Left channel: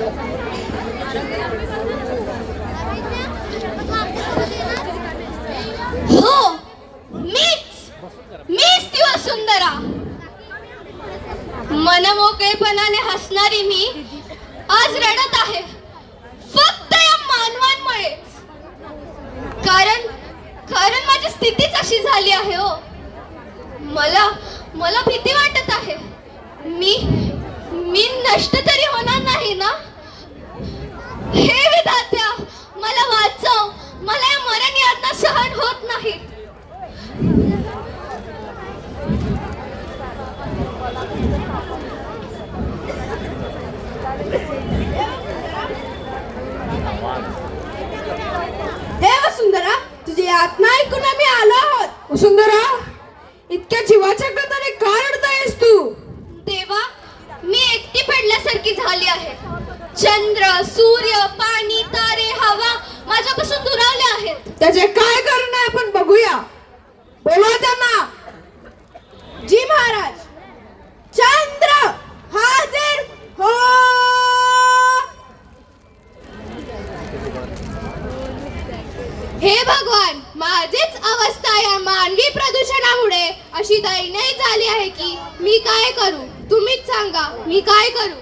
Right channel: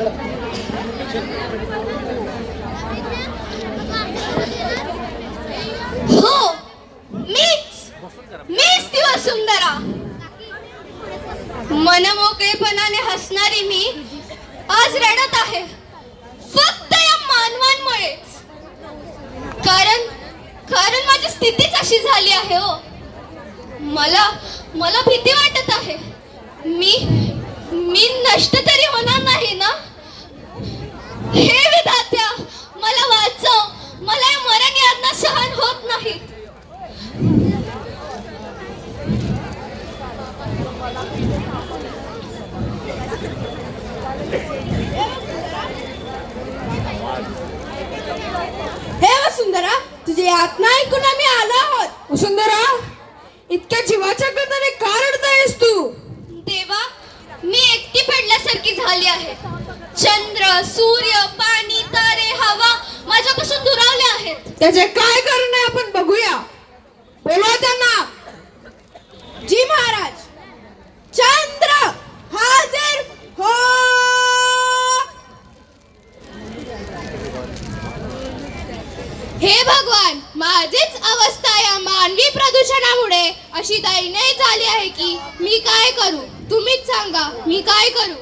हो, मीच ती वसुंधरा. मनमोकळेपणाने हसणारी मी आज रडत आहे, फक्त या मानवांमुळेच. कारण माझी स्थितीच अशी झाली आहे. हो, मला भीती वाटत आहे. मी नष्ट तरी होणार नाही ना? हे विधात्या, मला वाचव. मला हे मरण यातना सहन होत नाही. हे वसुंधरा, तुझी यातना ऐकून आम्ही आलो आहोत. वसुंधरा, इतक्या जीवाच्या गंधाने का रडतेस तू? देवा, मी एकटी पडल्यासारखी झाली आहे. चंद्र, सूर्य, पाणी, तारे, हवा माझ्यापासून दुरावले आहेत. त्याचे काय कारण आहे आपण बघूया. बोला त्यांना. जी महाराज. चंद्र हाजीर हो. हे भगवान, माझीच अवस्था या मानवी प्रदूषणामुळे अशी दयनीय झाली आहे की मी काय करू? तुम्हीच सांगा, मी काय करू?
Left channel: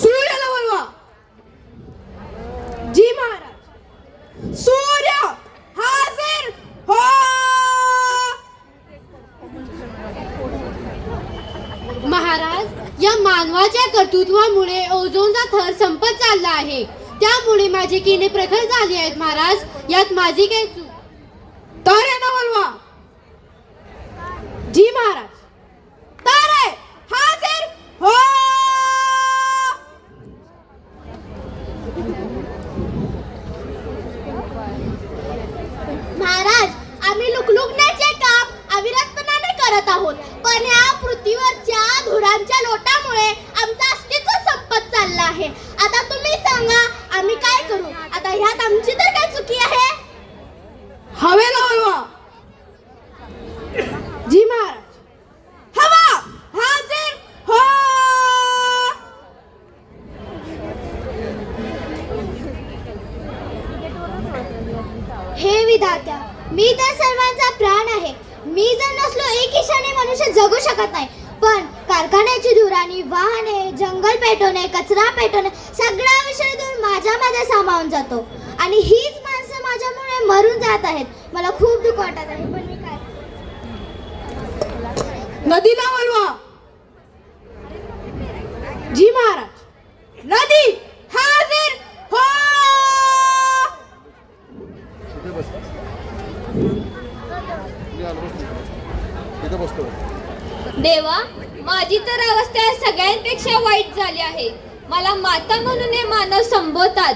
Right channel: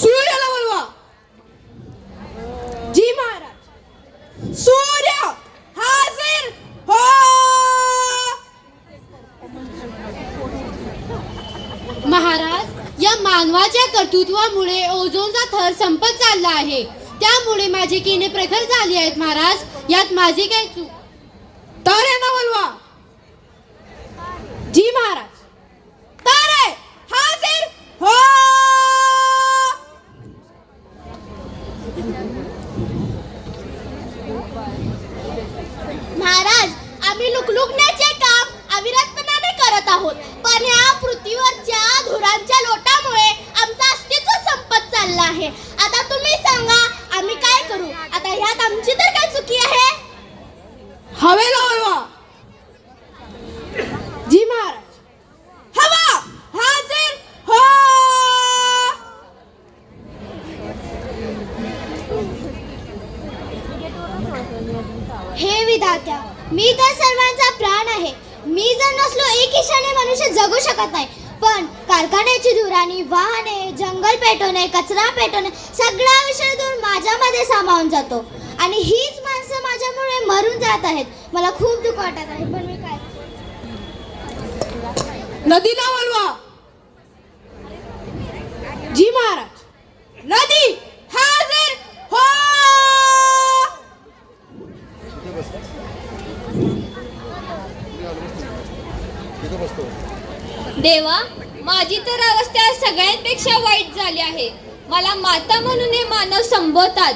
सूर्याला बोलवा. जी महाराज. सूर्य हाजीर हो. महाराज, या मानवाच्या कर्तृत्वामुळे ओझोनचा थर संपत चालला आहे. त्यामुळे माझी किडनी प्रखर झाली आहेत. महाराज, यात माझी काय चूक? ताऱ्यांना बोलवा. जी महाराज. तारे हाजीर हो. महाराज, आम्ही लुकलुकण्याचे काम अविरतपणाने करत आहोत, पण या पृथ्वीवरच्या धुरांच्या लोटामुळे आमचं अस्तित्व संपत चाललं आहे. आता तुम्ही सांगा, आम्ही काय करू? आता ह्यात आमची तर काय चुकी आहे? हवेला बोलवा. जी महाराज. हवा हाजीर हो. हे विधात्या, मी तर सर्वांचा प्राण आहे. मी जर नसलो एक ईशाने मनुष्य जगू शकत नाही. पण कारखान्याची धुराणी, वाहने, जंगल पेटवणे, कचरा पेटवणे, सगळा विषय दूर माझ्यामध्ये सामावून जातो. आणि हीच माणसं माझ्यामुळे मरून जात आहेत. मला खूप दुःख वाटत आहे, पण मी काय? नदीला बोलवा. जी महाराज. नदी हाजीर हो. देवा, माझी तर अवस्था सगळ्यांपेक्षा वाईट झाली आहे. मला माता म्हणून हे मानव संबोधतात,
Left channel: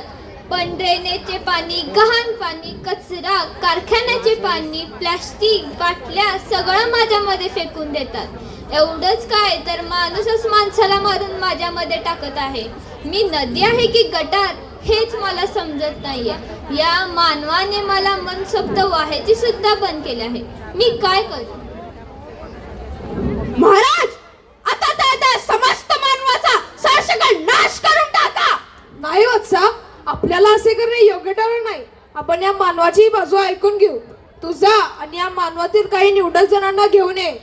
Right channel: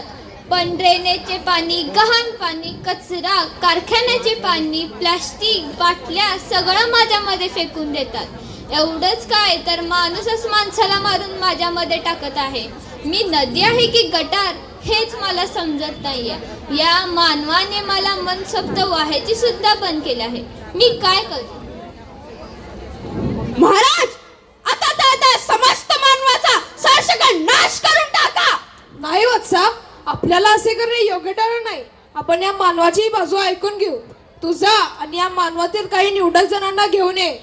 पण ड्रेनेजचे पाणी, गहाण पाणी, कचरा, कारखान्याचे पाणी, प्लास्टिक, बाटल्या सगळं माझ्यामध्ये फेकून देतात. एवढंच काय, तर माणूसच माणसाला मारून माझ्यामध्ये टाकत आहे. मी नदी आहे की गटार हेच मला समजत नाहीये. या मानवाने मला मनसोक्त व्हायची सुद्धा बंद केले आहे. मी काय करू? महाराज, आता समस्त मानवाचा सार्वत्रिक नाश करून टाका. नाही वत्सा, आपल्याला असे करणे योग्य ठरणार नाही. आपण या मानवाची बाजू ऐकून घेऊ. तू जा आणि या मानवातील काही निवडक जणांना घेऊन ये.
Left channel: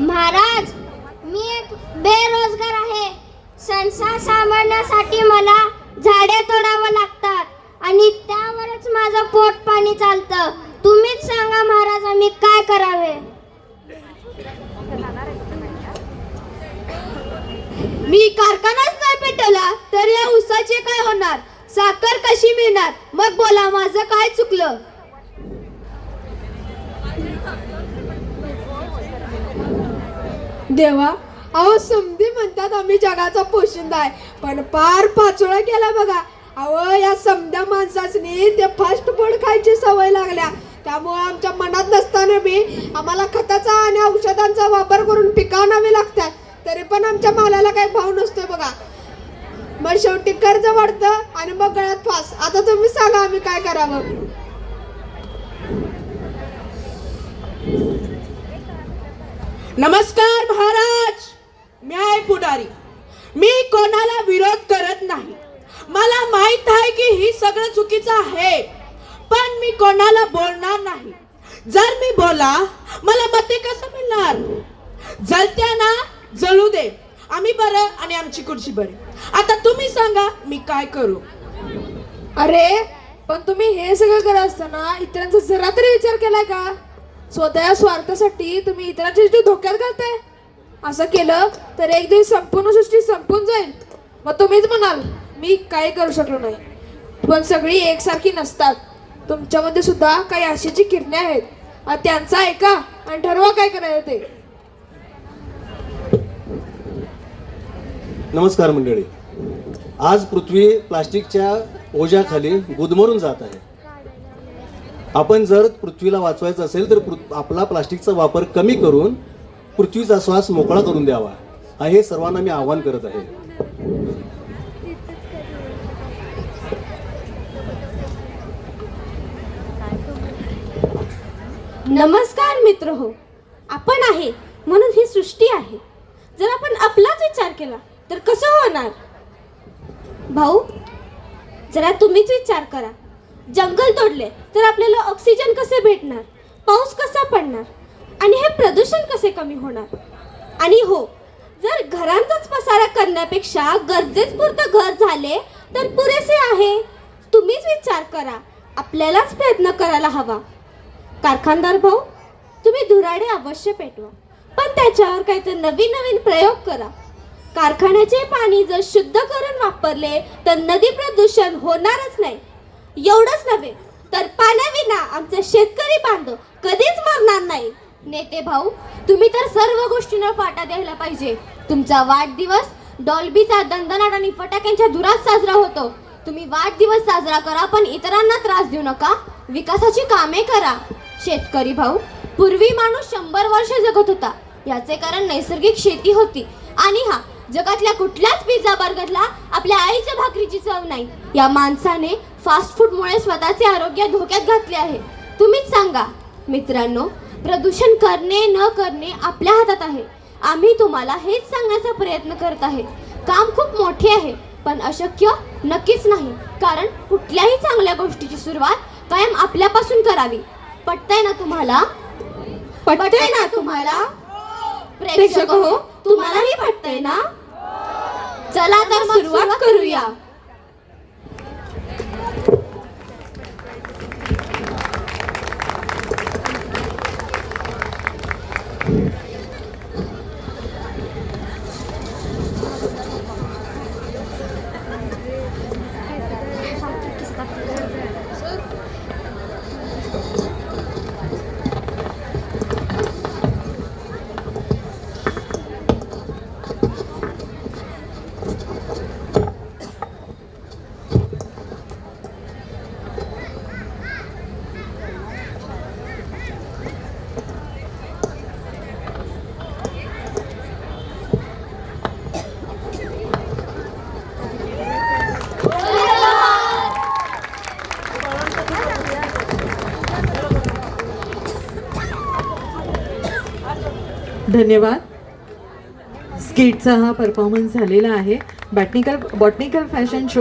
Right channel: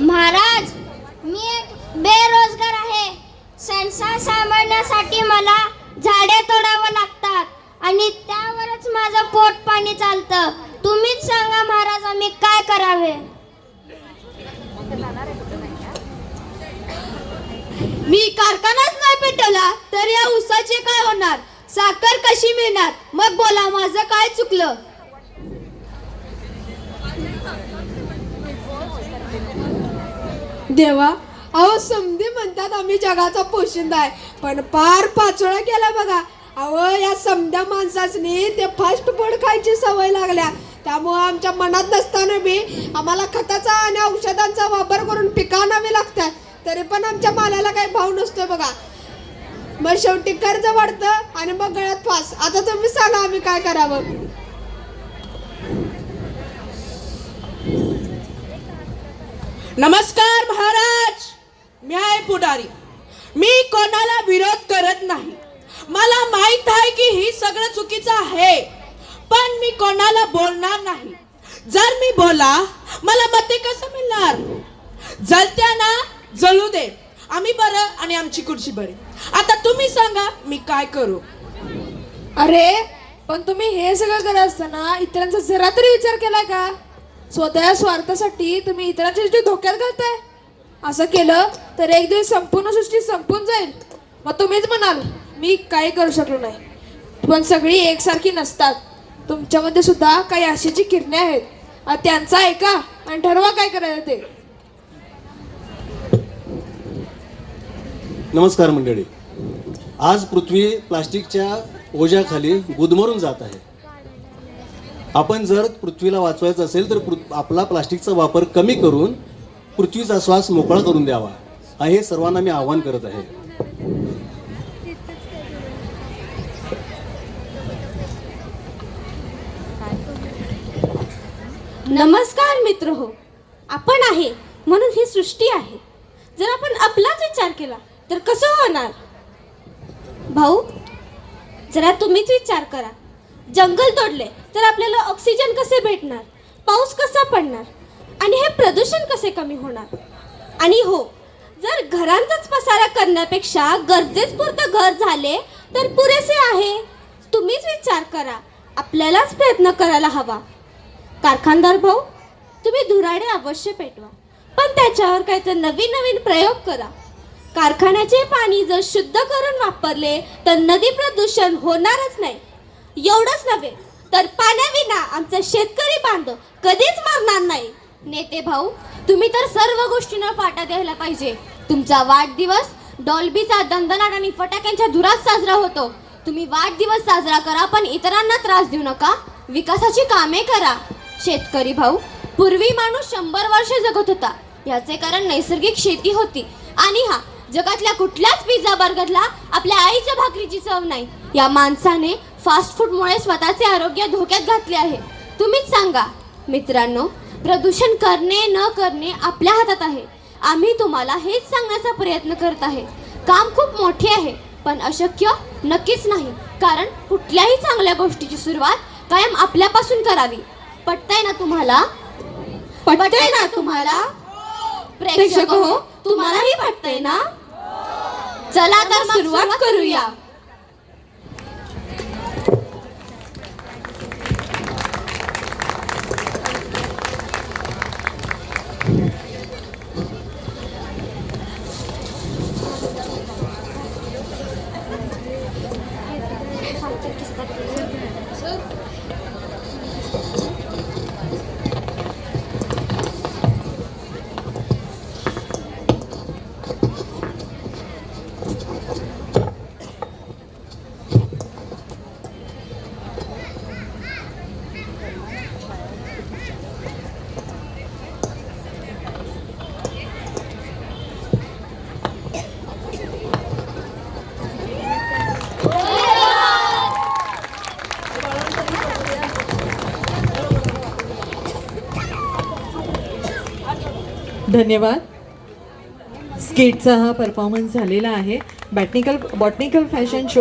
महाराज, मी एक बेरोजगार आहे. संसार सांभाळण्यासाठी मला झाडे तोडावं लागतात आणि त्यावरच माझं पोट पाणी चालतं. तुम्हीच सांगा महाराज, आम्ही काय करावे? मी कारखानाच नाही पेटवला तर या ऊसाचे काय होणार? साखर कशी मिळणार? मग बोला, माझं काय चुकलं? देवा, अहो समधी म्हणतात आम्ही जगाचा पोशिंदा आहे, पण पार पाचोळा केला बघा. अहो या समध्या माणसासनी ते फास्ट फूड खायची सवय लागल्या. त्यामुळे आमच्या मनात नसताना बी आम्हाला खताचा आणि औषधांचा वापर करून पिकवणावी लागतात. तरी पण आमच्या मालाला काही भाव नसतोय बघा. मग शेवटी कर्ज वाढतं आणि मग गळ्यात फास. आता तुम्ही सांगा आम्ही काय करावं. नमस्कार महाराज, मी आहे पुढारी. मी कोणाला विरोध करत नाही. मला माहित आहे की ही सगळं चुकीचं आहे, पण मी कोणाला बोलणार नाही. जर मी बोला मला मते कसं मिळणार. जलत्यांना जळू दे, आम्ही बरं आणि आमची खुर्ची बरी. आता तुम्ही सांगा मी काय करू. अरे पण तुम्ही हे सगळं करत असताना इतरांचा जरा तरी विचार केलाय का. स्वतः स्वार्थासाठी तुम्ही इतरांची सृष्टी धोक्यात घालताय. असं केलं तर एक दिवस संपूर्ण सृष्टी संपून जाईल. मग तुम्हीच म्हणाल मी काही करू शकलो नाही. पण सगळी एकसारखी नसतात. तुमच्यामध्ये सुद्धा काही आशेची किरणे आहेत. त्यांचं ऐका आणि ठरवा काय करायचं ते. नमस्कार मंडळी. आज पृथ्वी प्लास्टिकच्या ओझ्याखाली गुदमरून जात आहे. आपण जर पृथ्वीला वाचवायचं असेल तर आपला प्लास्टिकचा वापर कमी करून पृथ्वीचा श्वास मोकळा करून द्यावा, हे सर्वांना मी आवाहन करत आहे. नमस्कार मित्र हो, आपण आहे म्हणून ही सृष्टी आहे. जर आपण आपलाच विचार केला तर कसं होणार. भाऊ जरा तुम्हीच विचार करा. जंगल तोडले तर आपल्याला ऑक्सिजन कसे भेटणार, पाऊस कसा पडणार आणि हे प्रदूषण कसे कमी होणार. आणि हो, जर घरांचाच पसारा करण्यापेक्षा गरजेच पुरतं घर झाले तर पुरेसे आहे. तुम्हीच विचार करा, आपल्यालाच प्रयत्न करायला हवा. कारखानदार भाऊ, तुम्ही धुराडे अवश्य पेटवा, पण त्याच्यावर काहीतरी नवीन नवीन प्रयोग करा. कारखान्याचे पाणी जर शुद्ध करून वापरले तर नदी प्रदूषण होणारच नाही. एवढंच नव्हे तर पाण्याविना आमचा शेतकरी बांधव कधीच मरणार नाही. नेते भाऊ, तुम्ही तर सर्व गोष्टींवर फाटा द्यायला पाहिजे. तुमचा वाढदिवस डॉल्बीचा दणदणाट आणि फटाक्यांच्या धुरात साजरा होतो. तुम्ही वाढदिवस साजरा करा, पण इतरांना त्रास देऊ नका. विकासाची कामे करा. शेतकरी भाऊ, पूर्वी माणूस 100 वर्षे जगत होता. याचे कारण नैसर्गिक शेती होती. आणि हा, जगातल्या कुठल्याच पिझ्झा बर्गरला आपल्या आईच्या भाकरीची चव नाही. या माणसाने फास्ट फूडमुळे स्वतःचे आरोग्य धोक्यात घातले आहे. तुम्हीच सांगा मित्रांनो, प्रदूषण करणे न करणे आपल्या हातात आहे. आम्ही तुम्हाला हेच सांगण्याचा प्रयत्न करत आहे. काम खूप मोठे आहे, पण अशक्य नक्कीच नाही. कारण कुठल्याही चांगल्या गोष्टीची सुरुवात कायम आपल्यापासून करावी. पटतंय ना तुम्हाला? पटतंय ना तुम्हाला? प्रेक्षक हो, तुम्हालाही पटतंय ना? चला तर सुरुवात करूया. धन्यवाद. स्किटचा हा परफॉर्मन्स झालेला आहे. Botanical fashion show